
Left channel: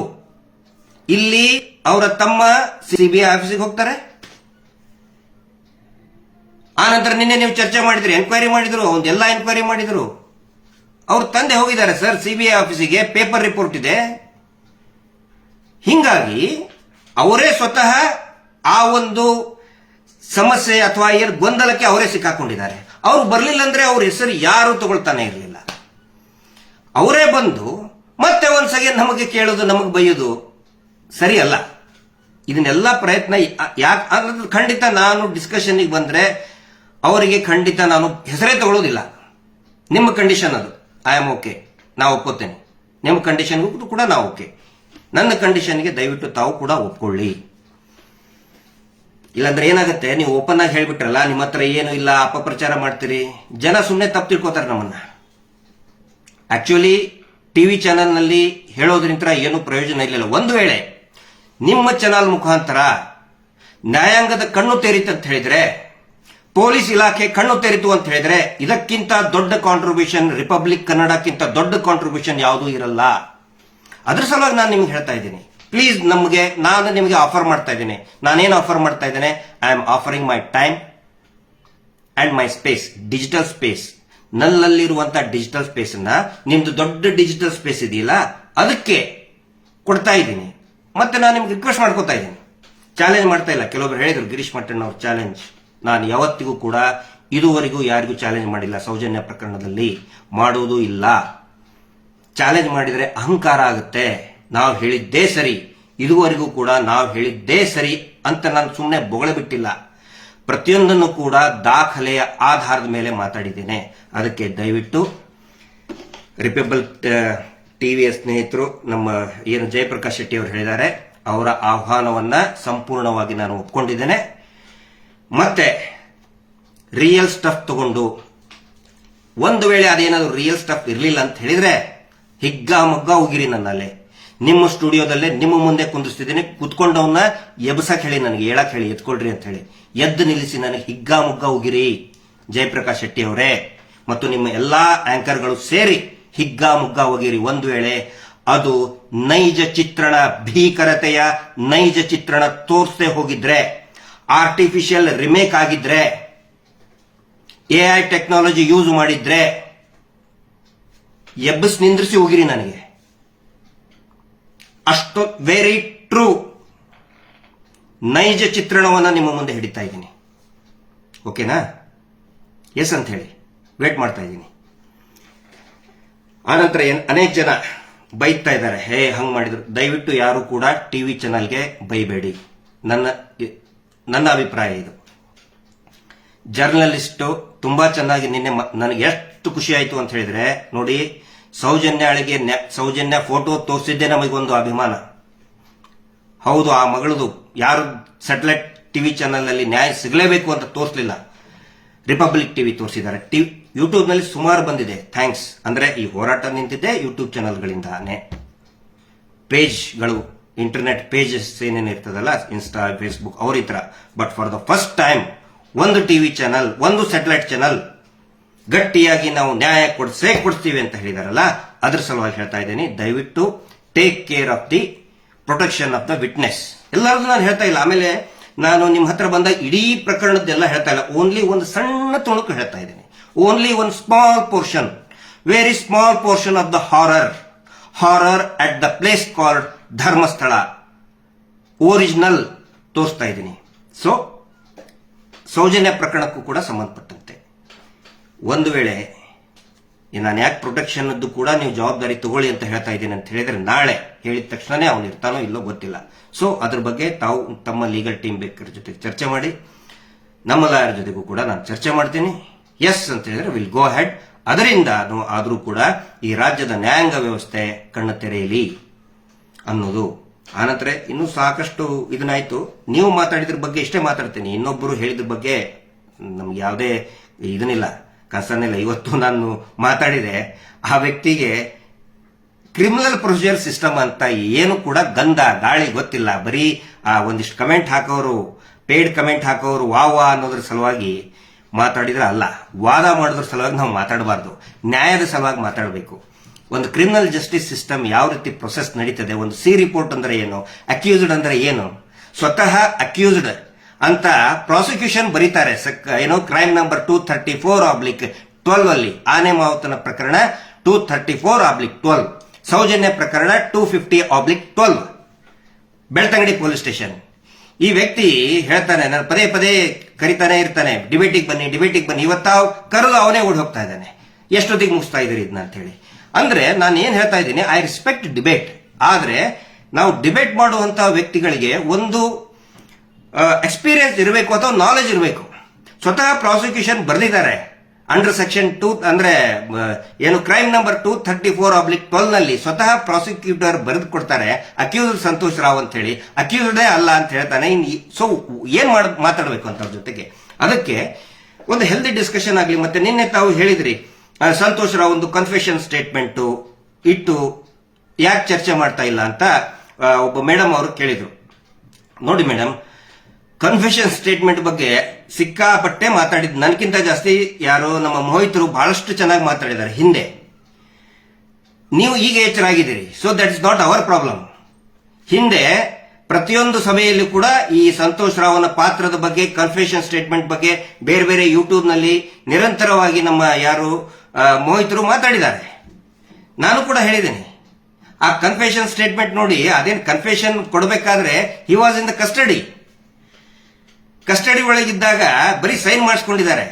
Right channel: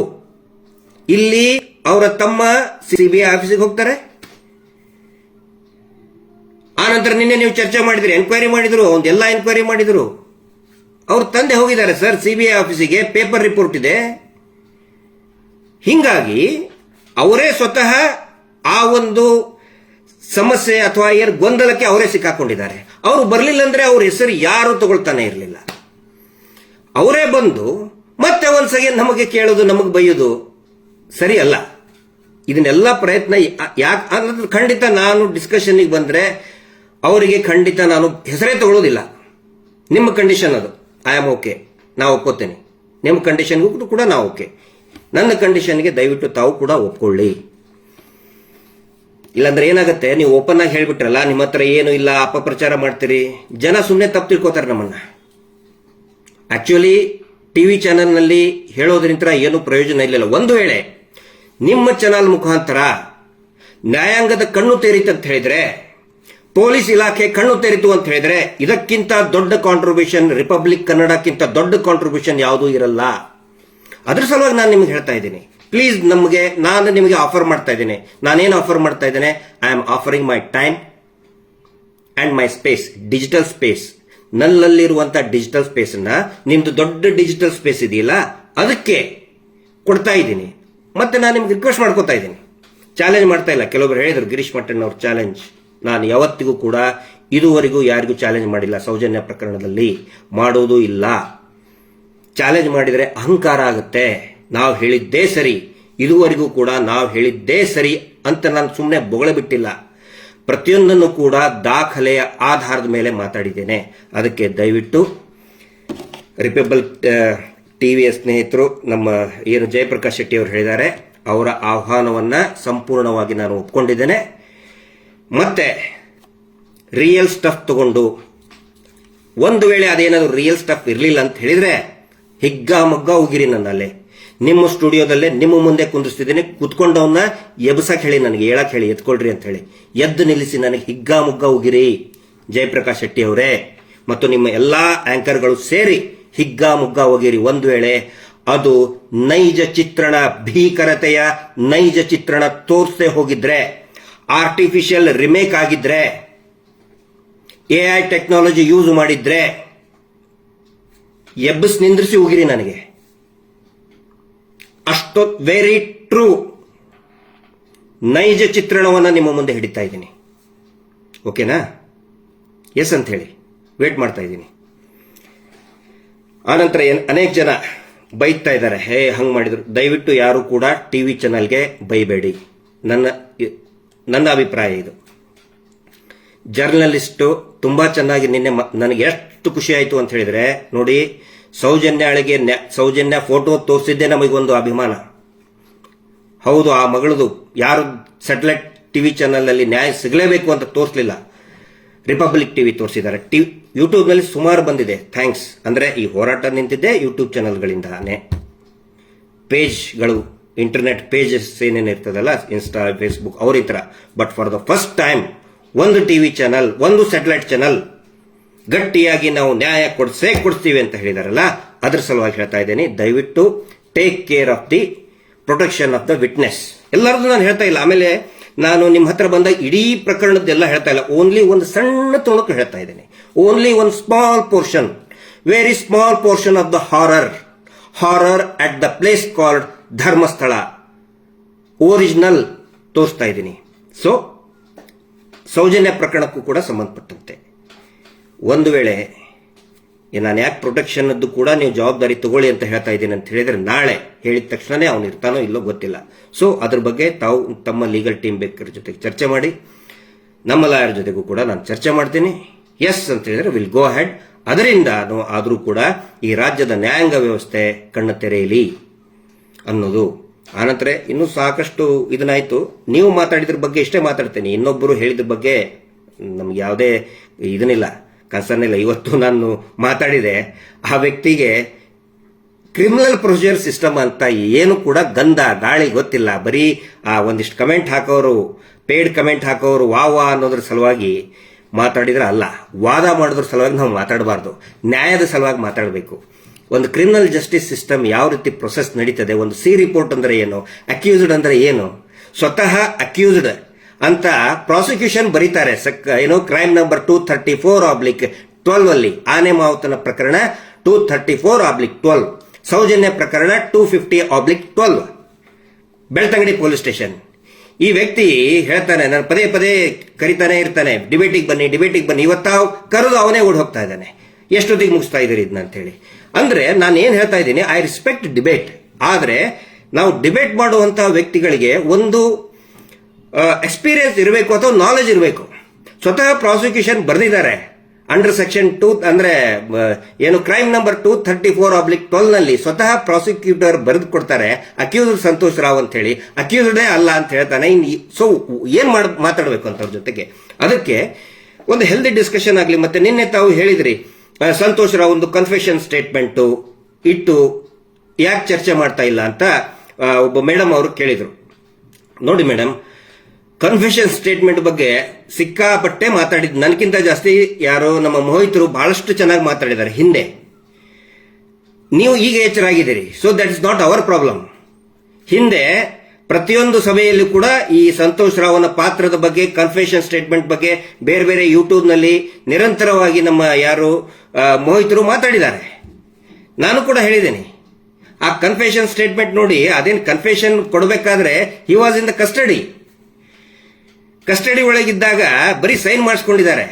ಇಲ್ಲಿ ಅವರ ತಮ್ಮ ಸಿಬಿಐ ಆಫೀಸಿಗೆ ಹೋಗ್ತಾರೆ. ಆನಂತರ ನಿನ್ನೆ ನೀವು ಚರ್ಚೆ ಮಾಡಿದ್ರಿ, ಎನ್ಕ್ವೈರಿ ಮಾಡಿದ್ರು, ಒಂದೆಲ್ಲ ಎನ್ಕ್ವೈರಿ ಮಾಡಿದ್ರು. ಅವ್ರ ತಂದೆ ಹೋಗಿದ್ದಾರೆ ಸರ್ ಸಿಬಿಐ ಆಫೀಸಿಗೆ, ಪೇಪರ್ ರಿಪೋರ್ಟ್ ಇದೆ. ಹಿಂಗಾಗಿ ಅವರೇ ಸ್ವತಃ ಆ ಒಂದು ಸಮಸ್ಯೆ ಅಥವಾ ಗೊಂದಲಕ್ಕೆ ಅವರೇ ಸಿಕ್ಕಾಕೊಂಡಿದ್ದಾರೆ. ಅವರು ಬರಲಿಲ್ಲ ಅಂದ್ರೆ ಅವ್ರ ಹೆಸರು ಯಾರು ತಗೊಳ್ತಾನೆ ಇರಲಿಲ್ಲ. ಅವರೇ ಬಂದು ಮತ್ತೆ ಒಂದ್ಸಗೆ ನಮಗೆ ಕೇಳೋದು, ನಮಗೆ ಬೈಯೋದು ಸರಿ ಅಲ್ಲ. ಇದನ್ನೆಲ್ಲ ಪ್ರಯತ್ನ ಯಾಕೆ ಖಂಡಿತ ನಾನು ಡಿಸ್ಕಷನ್ಗೆ ಬಂದ್ರೆ ಅವರಿಗೆ ಖಂಡಿತ ನಾನು ಹೆಸರೇ ತಗೊಳ್ಳೋದಿಲ್ಲ. ನಿಮ್ಮ ಕಂಡೀಷನ್ ಅದು, ಐ ಆಮ್ ಓಕೆ, ನಾವು ಒಪ್ಕೋತೇನೆ. ನಿಮ್ಮ ಕಂಡೀಷನ್ಗೂ ಕೂಡ ನಾವು ಓಕೆ. ನನ್ನ ಕಂಡೀಷನ್ಗೆ ದಯವಿಟ್ಟು ತಾವು ಕೂಡ ಒಪ್ಕೊಳ್ಳಿ. ಇಲ್ಲಾಂದ್ರೆ ಏನಾಗುತ್ತೆ, ನೀವು ಓಪನ್ ಆಗಿ ಹೇಳ್ಬಿಟ್ರಲ್ಲ ನಿಮ್ಮ ಹತ್ರ ಏನು ಇಲ್ಲ, ಅಪಪ್ರಚಾರ ಮಾಡ್ತೀರಿ, ಜನ ಸುಮ್ಮನೆ ತಪ್ಪು ತಿಳ್ಕೊತಾರೆ ನಮ್ಮನ್ನ. ಆಕ್ಚುಲಿ ಟಿವಿ ಚಾನೆಲ್ನಲ್ಲಿ ಹೇಳೋದ್ರಿಂದ ಏನು ಪ್ರಯೋಜನ ಇಲ್ಲ. ಒಂದು ವೇಳೆ ನಿಮ್ಮ ಚಾನಲ್ ಮುಖಾಂತರ ನ್ಯಾಯಾಂಗದ ಕಣ್ಣು ತೆರೀತು ಅಂತ ಹೇಳಿದ್ರೆ, ಪೊಲೀಸ್ ಇಲಾಖೆ ಕಣ್ಣು ತೆರೀತು ಅಂತ ಹೇಳಿದ್ರೆ, ಇದಕ್ಕಿಂತ ದೊಡ್ಡ ಕಾಂಟ್ರಿಬ್ಯೂಷನ್ ರಿಪಬ್ಲಿಕ್ ಕನ್ನಡಕ್ಕಿಂತ ದೊಡ್ಡ ಕಾಂಟ್ರಿಬ್ಯೂಷನ್ ಯಾವುದೂ ಇರಲ್ಲ. ಅದ್ರ ಸಲುವಾಗಿ ನಾನು ನಿಮ್ಗೆ ಹೇಳ್ತಾ ಇದ್ದೀನಿ, ಪ್ಲೀಸ್ ನಾನು ನಿಮಗೆ ಆಫರ್ ಮಾಡ್ತಾ ಇದ್ದೇನೆ. ನಾನೇನು ಆಫರ್ ಮಾಡ್ತಾ ಇದ್ದೇನೆ? I am offering my time and my space, digital space. ನನ್ನಲ್ಲಿರುವಂತಹ ಡಿಜಿಟಲ್ ಸ್ಪೇಸ್ ಅನ್ನ ನಿಮ್ದು ದೊಡ್ಡ ಡಿಜಿಟಲ್ ಸ್ಪೇಸ್ ಇದೆಯಲ್ಲ ಅದಕ್ಕೆ ಕೊಡ್ತಾ ಇದ್ದೀನಿ. ಮತ್ತೆ ನಾನು ನಿಮ್ಗೆ ರಿಕ್ವೆಸ್ಟ್ ಮಾಡ್ಕೋತಾ ಇದ್ದೀನಿ, ಚಾಲೆಂಜ್ ಮಾಡ್ತಾ ಇಲ್ಲ. ಕೆಲವೊಬ್ರು ಹೇಳಿದ್ರು ಗಿರೀಶ್ ಮಟ್ಟಣ್ಣ ಅವ್ರ ಚಾಲೆಂಜ್. ನಾನು ಯಾವತ್ತಿಗೂ ಕೂಡ ಇದುವರೆಗೂ ಯಾರಿಗೂ ಚಾಲೆಂಜ್ ಮಾಡಿಲ್ಲ, ಸೌಜನ್ಯ ಪ್ರಕರಣದಲ್ಲಿ ಮಾಡೋದು ಇಲ್ಲ. ಚಾಲೆಂಜ್ ಮಾಡಿದರೆ ಅಹಂಕಾರ ಆಗುತ್ತೆ. ನಾವು ಹೇಳಿದ್ದೇ ಸರಿ, ಇದುವರೆಗೂ ಕೂಡ ನಾವು ಹೇಳಿದ್ದೇ ಸರಿ ಅಂತ ನಾನು ಸುಮ್ಮನೆ ಬೊಗಳೆ ಬಿಟ್ಟಿಲ್ಲ. ಪ್ರತಿಯೊಂದನ್ನು ಕೂಡ ದಾಖಲೆಯ ಆಧಾರದ ಮೇಲೆ ಮಾತಾಡಿದ್ದೇನೆ. ಅದಕ್ಕೆ ದಯವಿಟ್ಟು ರಿಪಬ್ಲಿಕ್ ಟಿವಿಯ ಸ್ನೇಹಿತರು, ನಮ್ಮ ಏನು ಜಯಪ್ರಕಾಶ್ ಶೆಟ್ಟಿ ಅವರು ಹೇಳಿದ್ದಾರೆ, ಅವರ ಆಹ್ವಾನವನ್ನ ಸಂಪೂರ್ಣವಾಗಿ ನಾನು ಒಪ್ಕೊಂಡಿದ್ದೇನೆ. ಮತ್ತೆ ರಿಯಲ್ ಸ್ಟಫ್ ತಗೊಂಡು, ಒಂದು ವೇಳೆ ಅದೇನಾದ್ರು ರಿಯಲ್ ಸ್ಟಫ್ ಇರಲಿಲ್ಲ ಅಂತ ಹೇಳಿದ್ರೆ ಹಿಗ್ಗಾಮಗ್ಗ ಹೋಗಿರಿ. ನನ್ನಲ್ಲಿ ನಿಮ್ಮ ಸ್ಟುಡಿಯೋದಲ್ಲೇ ನಿಮ್ಮ ಮುಂದೆ ಕುಂದಿಸ್ತಿದ್ದೀನಿ, ಕುತ್ಕೊಂಡವನ್ನ ಎಬ್ಸಕ್ ಹೇಳಿ, ನನಗೆ ಹೇಳಕ್ ಹೇಳಿ, ಎತ್ಕೊಳ್ರಿ ಅಂತ ಹೇಳಿ ಎದ್ದು ನಿಲ್ಲಿಸಿ ನನಗೆ ಹಿಗ್ಗಾಮುಗ್ಗ ಹೋಗಿರಿ ಜಯಪ್ರಕಾಶ್ ಶೆಟ್ಟಿ ಅವರೇ, ಮತ್ತು ನಿಮ್ಮ ಎಲ್ಲಾ ಆಂಕರ್ಗಳು ಸೇರಿ ಹಿಗ್ಗಾಮುಗ್ಗ ಹೋಗಿರಿ. ಒಂದು ವೇಳೆ ಅದು ನೈಜ ಚಿತ್ರಣ, ಭೀಕರತೆಯ ನೈಜ ಚಿತ್ರಣ ತೋರಿಸದೆ ಹೋಗಿದ್ರೆ, ಆರ್ಟಿಫಿಷಿಯಲ್ ರಿಮೇಕ್ ಆಗಿದ್ರೆ, ಎಐ ಟೆಕ್ನಾಲಜಿ ಯೂಸ್ ಮಾಡಿದ್ರೆ ಎಬ್ಬಸ್ ನಿಂದ್ರಿಸಿ ಹೋಗಿರಿ ನನಗೆ. ಅಷ್ಟು ವೆರಿ ಟ್ರೂ ನೈಜ ಚಿತ್ರಣವನ್ನು ನಿಮ್ಮ ಮುಂದೆ ಹಿಡಿತಾ ಇದ್ದೀನಿ. ಓಕೆನಾ? ಎಸ್ ಅಂತ ಹೇಳಿ ವೇಟ್ ಮಾಡ್ತಾ ಇದ್ದೀನಿ. ಆನಂತರ ಅನೇಕ ಜನ ಬೈತಾ ಇದ್ದಾರೆ, ಹೇ ಹಂಗ್ ಮಾಡಿದ್ರು. ದಯವಿಟ್ಟು ಯಾರು ಕೂಡ ಟಿವಿ ಚಾನಲ್ಗೆ ಬೈಬೇಡಿ. ನನ್ನ ಅಭಿಪ್ರಾಯ ಇದು. ಜರ್ನಲಿಸ್ಟು ತುಂಬಾ ಚೆನ್ನಾಗಿ ನಿನ್ನೆ ನನಗೆ ಎಷ್ಟು ಖುಷಿ ಆಯ್ತು ಅಂತ ಹೇಳಿದ್ರೆ, ನೋಡಿ, ಸೌಜನ್ಯ ಫೋಟೋ ತೋರಿಸಿದ್ದೆ ನಮಗೊಂದು ಅಭಿಮಾನ. ಹೌದು, ಆ ಮಗಳದು ಯಾರು ಸ್ಯಾಟಲೈಟ್ ಟಿವಿ ಚಾನಲ್ ಅಲ್ಲಿ ನ್ಯಾಯ ಸಿಗಲೇಬೇಕು ಅಂತ ತೋರಿಸಲಿಲ್ಲ, ರಿಪಬ್ಲಿಕ್ ಟಿವಿ ತೋರಿಸಿದ್ದಾರೆ. ಯೂಟ್ಯೂಬ್ ನಲ್ಲಿ ಸುಮಾರು ಬಂದಿದೆ. ಥ್ಯಾಂಕ್ಸ್. ಅಂದ್ರೆ ಈ ಹೋರಾಟ ನಿಂತಿದ್ದೆ ಯೂಟ್ಯೂಬ್ ಚಾನಲ್ಗಳಿಂದಾನೆ. ಪೇಜ್ಗಳು, ಇಂಟರ್ನೆಟ್ ಪೇಜಸ್ ಏನೇನಿರ್ತದಲ್ಲ, ಇನ್ಸ್ಟಾ, ಫೇಸ್ಬುಕ್, ಅವ್ರ ತರ. But for the first time ಒಂದು ಟಿವಿ ಚಾನಲ್, ಒಂದು ಸ್ಯಾಟಲೈಟ್ ಚಾನಲ್ ಗಟ್ಟಿಯಾಗಿ ನಾವು ನ್ಯಾಯ ಕೊಡಿಸ್ತೀವಿ ಅಂತ ಹೇಳಿದಾರಲ್ಲ, ಅದ್ರ ಸಲುವಾಗಿ ಹೇಳ್ತಾ ಇದ್ದೇನೆ, ದಯವಿಟ್ಟು take care of the protection of the witness. ಎಲ್ಲರದ್ದು ನಾನು ಹೇಳ್ತಾ ಇಲ್ಲ. ಆಮೇಲೆ ನಾನು ನಿಮ್ಮ ಹತ್ರ ಬಂದಾಗ ಇಡೀ ಪ್ರಕರಣದ್ದೆಲ್ಲ ಹೇಳ್ತಾ ಇಲ್ಲ, ಓನ್ಲಿ ಒಂದು ಸಣ್ಣ ತುಣುಕು ಹೇಳ್ತಾ ಇದ್ದೇನೆ. ಓನ್ಲಿ ಒಂದು small portion, very small portion of the horror at the place called Dharmasthala original ತೋರಿಸ್ತಾ ಇದ್ದೀನಿ. ಸೊ ಸೌಜನ್ಯ ಪ್ರಕರಣಕ್ಕೂ ಕೂಡ ಸಂಬಂಧಪಟ್ಟಂತೆ ಒಂದು ವೇಳೆ ನಾನು ಯಾಕೆ ಪ್ರೊಟೆಕ್ಷನ್ದ್ದು ಕೂಡ ನೀವು ಜವಾಬ್ದಾರಿ ತಗೊಳ್ಳಿ ಅಂತ ಹೇಳ್ತಾ ಇದ್ದೀನಿ ಅಂತ ಹೇಳಿದ್ರೆ ನಾಳೆ ಹೇಳಿದ ತಕ್ಷಣನೇ ಅವನು ಇರ್ತಾನೋ ಇಲ್ಲೋ ಗೊತ್ತಿಲ್ಲ. ಸೊ ಅದ್ರ ಬಗ್ಗೆ ತಾವು ತಮ್ಮ ಲೀಗಲ್ ಟೀಮ್ ಬೇಕರ ಜೊತೆಗೆ ಚರ್ಚೆ ಮಾಡಿ, ನಮ್ಮ ಲಾಯರ್ ಜೊತೆಗೂ ಕೂಡ ನಾನು ಚರ್ಚೆ ಮಾಡ್ತೀನಿ. ಎಸ್ ಅಂತ ಹೇಳಿದ್ರೆ ವಿಲ್ ಗೋ ಹೆಡ್. ಅದರಿಂದ ಆದರೂ ಕೂಡ ಈ ರಾಜ್ಯದ ನ್ಯಾಯಾಂಗ ವ್ಯವಸ್ಥೆ ಕಣ್ಣು ತೆರೆಯಲಿ ಅನ್ನೋದು. ಆನಂತರ ಇನ್ನೂ ಸಾಕಷ್ಟು ಇದನ್ನಾಯ್ತು. ನೀವು ಮಾತಾಡಿದ್ರ ಬಗ್ಗೆ ಇಷ್ಟೇ ಮಾತಾಡ್ತೀನಿ, ಇನ್ನೊಬ್ಬರು ಹೇಳಿದ್ರ ಬಗ್ಗೆ ನಮ್ಗೆ ಯಾವುದೇ ಇದನ್ನಿಲ್ಲ, ಕನ್ಸರ್ನ್ ಇಲ್ಲ. ಇವತ್ತು ನಾನು ಮಾತಾಡಿದೆ, ಆ ವ್ಯಕ್ತಿಗೆ ಕ್ರಿಮಿನಲ್ ಪ್ರೊಸೀಜರ್ ಸಿಸ್ಟಮ್ ಅಂತ ಏನು ಕೂಡ ಗಂಧ ಗಾಳಿ ಗೊತ್ತಿಲ್ಲ. ಬರೀ ಒಂದಿಷ್ಟು ಕಮೆಂಟ್ ಹಾಕೋರು, ಪೇಡ್ ಕಮೆಂಟ್ ಹಾಕೋರು ವಾ ಅನ್ನೋದ್ರ ಸಲುವಾಗಿ ಮಾತಾಡಿದ್ರೆ ಅಲ್ಲ, ವಾದ ಮಾಡೋದ್ರ ಸಲುವಾಗಿ ನಾವು ಮಾತಾಡಬಾರ್ದು, ನ್ಯಾಯದ ಸಲುವಾಗಿ ಮಾತಾಡಬೇಕು. ಒಂದು ಕ್ರಿಮಿನಲ್ ಜಸ್ಟಿಸ್ ಸಿಸ್ಟಮ್ ಯಾವ ರೀತಿ ಪ್ರೊಸೆಸ್ ನಡೀತದೆ, ಒಂದು ಸಿ ರಿಪೋರ್ಟ್ ಅಂದ್ರೆ ಏನು, ಅಕ್ಯೂಸ್ಡ್ ಅಂದ್ರೆ ಏನು, ಸ್ವತಃ ಅಕ್ಯೂಸ್ಡ್ ಅಂತ ಪ್ರಾಸಿಕ್ಯೂಷನ್ ಬರೀತಾರೆ. ಏನೋ ಕ್ರೈಮ್ ನಂಬರ್ 234/12 ಅಲ್ಲಿ ಆನೆ ಮಾವುತನ ಪ್ರಕರಣ 234/12, ಸೌಜನ್ಯ ಪ್ರಕರಣ 250/12, ಬೆಳ್ತಂಗಡಿ ಪೊಲೀಸ್ ಸ್ಟೇಷನ್. ಈ ವ್ಯಕ್ತಿ ಹೇಳ್ತಾನೆ, ನಾನು ಪದೇ ಪದೇ ಕರಿತಾನೆ ಇರ್ತಾನೆ, ಡಿಬೇಟಿಗೆ ಬನ್ನಿ. ಇವತ್ತಾವ್ ಕರೆದು ಅವನೇ ಓಡ್ ಹೋಗ್ತಾ ಇದ್ದಾನೆ, ಎಷ್ಟೊತ್ತಿಗೆ ಮುಗಿಸ್ತಾ ಇದ್ದೀರಿ ಇದನ್ನ ಅಂತ ಹೇಳಿ. ಅಂದ್ರೆ ನಾನು ಏನ್ ಹೇಳ್ತಾ ಇದ್ದೀನಿ, ಐ ರೆಸ್ಪೆಕ್ಟ್ ಡಿಬೇಟ್. ಆದ್ರೆ ನಾವು ಡಿಬೇಟ್ ಮಾಡುವಂತಹ ವ್ಯಕ್ತಿಗಳಿಗೆ ಒಂದು ಎಕ್ಸ್ಪೀರಿಯನ್ಸ್ ಇರಬೇಕು ಅಥವಾ ನಾಲೆಜ್ ಇರಬೇಕು. ಸ್ವತಃ ಪ್ರಾಸಿಕ್ಯೂಷನ್ ಬರೆದಿದ್ದಾರೆ ಅಂಡರ್ ಸೆಕ್ಷನ್ 2 ಅಂದ್ರೆ ಏನು ಕ್ರೈಮ್ ನಂಬರ್ 234/12 ನಲ್ಲಿ ಸ್ವತಃ ಪ್ರಾಸಿಕ್ಯೂಟರ್ ಬರೆದು ಕೊಡ್ತಾರೆ, ಅಕ್ಯೂಸ್ಡ್ ಸಂತೋಷ್ ರಾವ್ ಅಂತ ಹೇಳಿ, ಅಕ್ಯೂಸ್ಡೇ ಅಲ್ಲ ಅಂತ ಹೇಳ್ತಾನೆ. ಸೊ ಏನ್ ಮಾತಾಡಬೇಕು ಅಂತ ಅವ್ರ ಜೊತೆಗೆ, ಅದಕ್ಕೆ ಒಂದು ಹೆಲ್ದಿ ಡಿಸ್ಕಷನ್ ಆಗಲಿ. ಮತ್ತೆ ನಿನ್ನೆ ತಾವು ಹೇಳಿದ್ರಿ ಸಂತೋಷ್ ರಾವ್ ಒಂದು ಕನ್ಫೆಷನ್ ಸ್ಟೇಟ್ಮೆಂಟ್ ಇಟ್ಟು ಯಾಕೆ ಚರ್ಚೆ ಮಾಡ್ತಾ ಇಲ್ಲ ಅಂತ ಒಬ್ಬ ಮೇಡಮ್ ಅವರು ಕೇಳಿದ್ರು. ನೋಡಿ ಮೇಡಮ್, ಕನ್ಫೆಷನ್ ಸ್ಟೇಟ್ಮೆಂಟ್ ಬಗ್ಗೆ ಸಿಕ್ಕಾಪಟ್ಟೆ ಮಾತಾಡಿದ್, ನನಗಿಂತ ಜಾಸ್ತಿ ಯಾರೋ ನಮ್ಮ ಮೋಹಿತರು ಬಹಳಷ್ಟು ಚೆನ್ನಾಗಿ ಮಾತಾಡಿದ್ದಾರೆ ಹಿಂದೆ. ನೀವು ಈಗ ಎಚ್ಚರಾಗಿದ್ದೀರಿ, so that is not our problem. ಹಿಂದೆ ಪ್ರತಿಯೊಂದು ಸಭೆಯಲ್ಲಿ ಕೂಡ ಈ ಸಂತೋಷ್ ರಾವ್ನ ಪಾತ್ರದ ಬಗ್ಗೆ, ಕನ್ಫೆಷನ್ ಸ್ಟೇಟ್ಮೆಂಟ್ ಬಗ್ಗೆ ಬೇರೆ ಬೇರೆ ಯೂಟ್ಯೂಬ್ ನಲ್ಲಿ ನಿರಂತರವಾಗಿ ನಮ್ಮ ಯಾರು ಮೋಹಿತರು ಮಾತಾಡಿದ್ದಾರೆ. ನಾನು ಕೂಡ ಹೇಳಿದ್ದೇನೆ, ಆ ಕನ್ಫೆಷನ್ ಸ್ಟೇಟ್ಮೆಂಟ್ ನೋಡಿ, ಅದೇನು ಕನ್ಫೆಷನ್ ಕೊಡಬೇಕಾದ್ರೆ he was in the custody ಒಳಗಿದ್ದಾಗ ಬರೀ ಸೈನ್ ಮಾಡಿಸ್ಕೊಂಡಿದ್ದಾರೆ.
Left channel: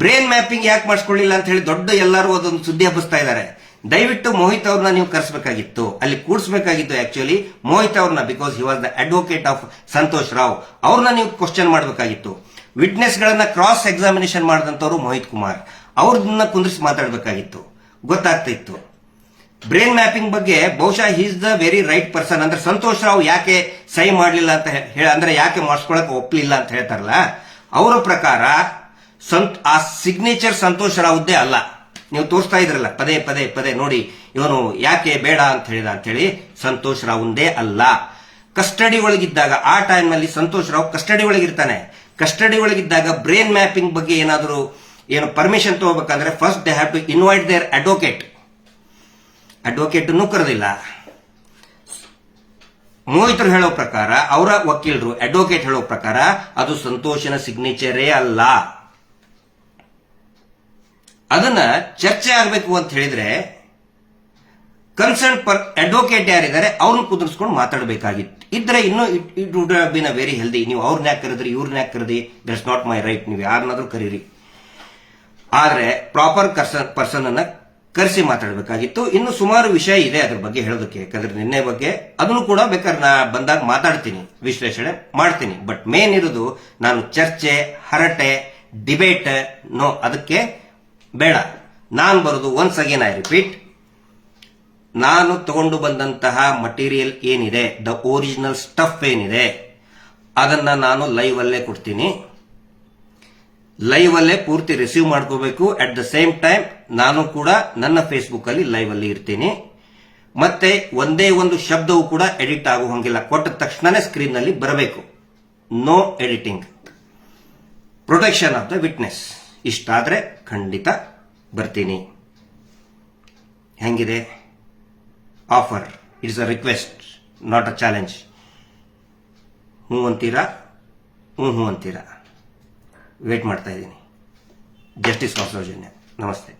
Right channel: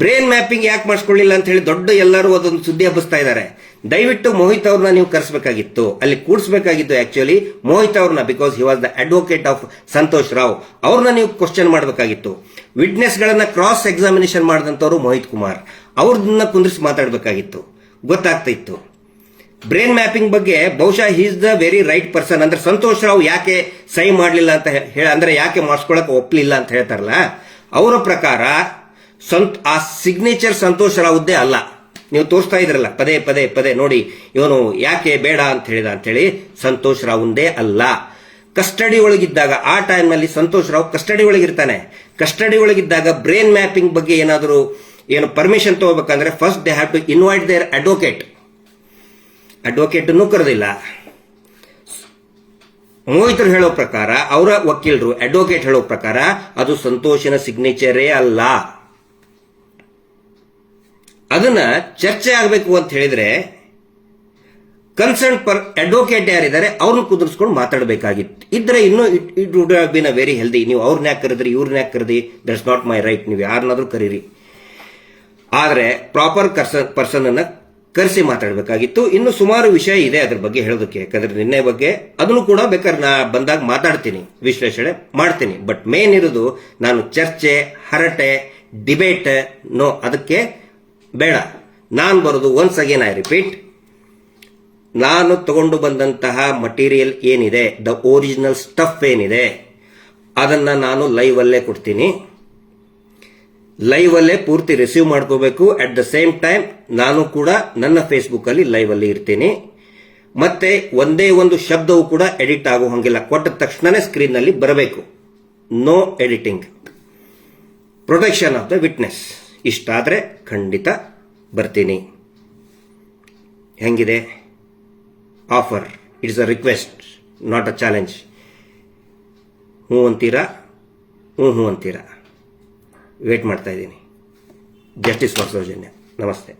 ಬ್ರೈನ್ ಮ್ಯಾಪಿಂಗ್ ಯಾಕೆ ಮಾಡಿಸ್ಕೊಳ್ಳಿಲ್ಲ ಅಂತ ಹೇಳಿ ದೊಡ್ಡ ಎಲ್ಲರೂ ಅದೊಂದು ಸುದ್ದಿ ಹಬ್ಬಿಸ್ತಾ ಇದ್ದಾರೆ. ದಯವಿಟ್ಟು ಮೋಹಿತ್ ಅವ್ರನ್ನ ನೀವು ಕರೆಸಬೇಕಾಗಿತ್ತು, ಅಲ್ಲಿ ಕೂಡಿಸಬೇಕಾಗಿತ್ತು ಆಕ್ಚುಲಿ ಮೋಹಿತ್ ಅವ್ರನ್ನ, because he was the advocate of Santosh Rao. ಅವ್ರನ್ನ ನೀವು ಕ್ವಶನ್ ಮಾಡಬೇಕಾಗಿತ್ತು. ವಿಟ್ನೆಸ್ ಗಳನ್ನ ಕ್ರಾಸ್ ಎಕ್ಸಾಮಿನೇಷನ್ ಮಾಡಿದಂತವ್ರು ಮೋಹಿತ್ ಕುಮಾರ್, ಅವ್ರನ್ನ ಕುಂದ್ರಿಸಿ ಮಾತಾಡಬೇಕಾಗಿತ್ತು, ಗೊತ್ತಾಗ್ತಾ ಇತ್ತು. ಬ್ರೈನ್ ಮ್ಯಾಪಿಂಗ್ ಬಗ್ಗೆ ಬಹುಶಃ he is the very right person. ಅಂದ್ರೆ ಸಂತೋಷ್ ರಾವ್ ಯಾಕೆ ಸಹಿ ಮಾಡಲಿಲ್ಲ ಅಂತ ಅಂದ್ರೆ ಯಾಕೆ ಮಾಡಿಸ್ಕೊಳಕ್ ಒಪ್ಪಲಿಲ್ಲ ಅಂತ ಹೇಳ್ತಾರಲ್ಲ, ಅವರ ಪ್ರಕಾರ ಆ ಸಿಗ್ನೇಚರ್ ಸಂತೋಷ್ ರಾವ್ದೇ ಅಲ್ಲ. ನೀವು ತೋರಿಸ್ತಾ ಇದ್ರಲ್ಲ ಪದೇ ಪದೇ ಪದೇ ನೋಡಿ, ಇವನು ಯಾಕೆ ಬೇಡ ಅಂತ ಹೇಳಿದ ಅಂತ ಹೇಳಿ, ಸಂತೋಷ್ ರಾವ್ದೇ ಅಲ್ಲ. ಕಸ್ಟಡಿ ಒಳಗಿದ್ದಾಗ, ಆ ಟೈಮ್ ನಲ್ಲಿ ಸಂತೋಷ್ ರಾವ್ ಕಸ್ಟಡಿ ಒಳಗಿರ್ತಾನೆ. ಕಸ್ಟಡಿ ಒಳಗಿದ್ದಾಗ ಬ್ರೈನ್ ಮ್ಯಾಪಿಂಗ್ ಬಗ್ಗೆ ಏನಾದರೂ ಏನು ಪರ್ಮಿಷನ್ ತಗೋಬೇಕಂದ್ರೆ first they have to invite their advocate ಕರೆದಿಲ್ಲ. ಮೋಹಿತರು ಹೇಳೋ ಪ್ರಕಾರ, ಅವರ ವಕೀಲರು ಅಡ್ವೊಕೇಟ್ ಹೇಳೋ ಪ್ರಕಾರ ಅದು ಸಂತೋಷನ ಸಿಗ್ನೇಚರೇ ಅಲ್ಲ. ಅದನ್ನ ಚರ್ಚೆ ಆಗಬೇಕು ಅಂತ ಹೇಳಿದ್ರೆ ಕನ್ಸರ್ನ್ ಅಡ್ವೊಕೇಟ್ ಯಾರಿದ್ದಾರೆ ಅವ್ರನ್ನ ಕುದುರಿಸ್ಕೊಂಡು ಮಾತಾಡಬೇಕಾಗಿತ್ತು. ಇದ್ರೆ ಇನ್ನೂ it would have been a very healthy. ನೀವು ಅವ್ರನ್ನ ಯಾಕೆ ಕರೆದ್ರಿ, ಇವ್ರನ್ನ ಯಾಕೆ ಕರೆದಿ, ದಟ್ಸ್ ನಾಟ್ ಮೈ ರೈಟ್. ನೀವು ಯಾರನ್ನಾದ್ರೂ ಕರೀರಿ, ಆದ್ರೆ ಪ್ರಾಪರ್ ಪರ್ಸನ್ ಅನ್ನ ಕರೆಸಿ ಮಾತಾಡಬೇಕಾಗಿತ್ತು. ಇನ್ನು ಸುಮಾರು ವಿಷಯ ಇದೆ ಅದ್ರ ಬಗ್ಗೆ ಹೇಳೋದಕ್ಕೆ, ಯಾಕಂದ್ರೆ ನಿನ್ನೆ ಬಗ್ಗೆ ಅದನ್ನು ಕೂಡ ಬೇಕಾದ್ರೆ ನಾ ಬಂದಾಗ ಮಾತಾಡ್ತೀನಿ, ವಿಶ್ಲೇಷಣೆ ಮಾಡ್ತೀನಿ. ಬಟ್ ಮೇನ್ ಇರೋದು ನಾನು ಚರ್ಚೆ, ಹರಟೆ, ಡಿಬೇಟ್ ನೋ, ಅದಕ್ಕೆ ಬೇಡ. ನಾನು ಬರೋದು ಒನ್ಸ್ ಅಗೇನ್ ಐ ರಿಪೀಟ್, ನಾನು ತಗೊಂಡು ಬಂದಂತಹ ಮಟೀರಿಯಲ್ ಏನಿದೆ, ದ ಒರಿಜಿನಲ್ ಸ್ಟಫ್ ಏನಿದೆ, ಅದನ್ನ ನಾನು ಲೈವ್ ಅಲ್ಲೇ ಕೊಡ್ತೀನಿ. ಲೈವ್ ಅಲ್ಲೇ ಪೂರ್ತಿ ರಿಸೀವ್ ಮಾಡ್ಕೋಬೇಕು. ಅಟ್ ದ ಸೇಮ್ ಟೈಮ್ ನಾನು ಕೂಡ ನನ್ನ ಫೇಸ್ಬುಕ್ ಅಲ್ಲಿ ಲೈವ್ ಅಲ್ಲಿ ಇರ್ತೀನಿ. ಮತ್ತೆ ಒಂದೇ ಒಂದು ಶಬ್ದವೂ ಕೂಡ ಎಡಿಟ್ ಆಗೋ ಹಂಗಿಲ್ಲ, ಕೊಟ್ಟ ತಕ್ಷಣನೇ ಸ್ಕ್ರೀನ್ ನಲ್ಲಿ ಬರಬೇಕು. No editing, protection of the witness. ಇಷ್ಟಾದ್ರೆ ಖಂಡಿತ ಬರ್ತೀನಿ. ಹೆಂಗಿದೆ offer? It's a request, not a challenge. ಹ್ಞೂ ಅಂತೀರಾ? ಹ್ಞೂ ಅಂತೀರಾ? ವೇಟ್ ಮಾಡ್ತಾ ಇದ್ದೀನಿ. Justice for Soujanya. ನಮಸ್ತೆ.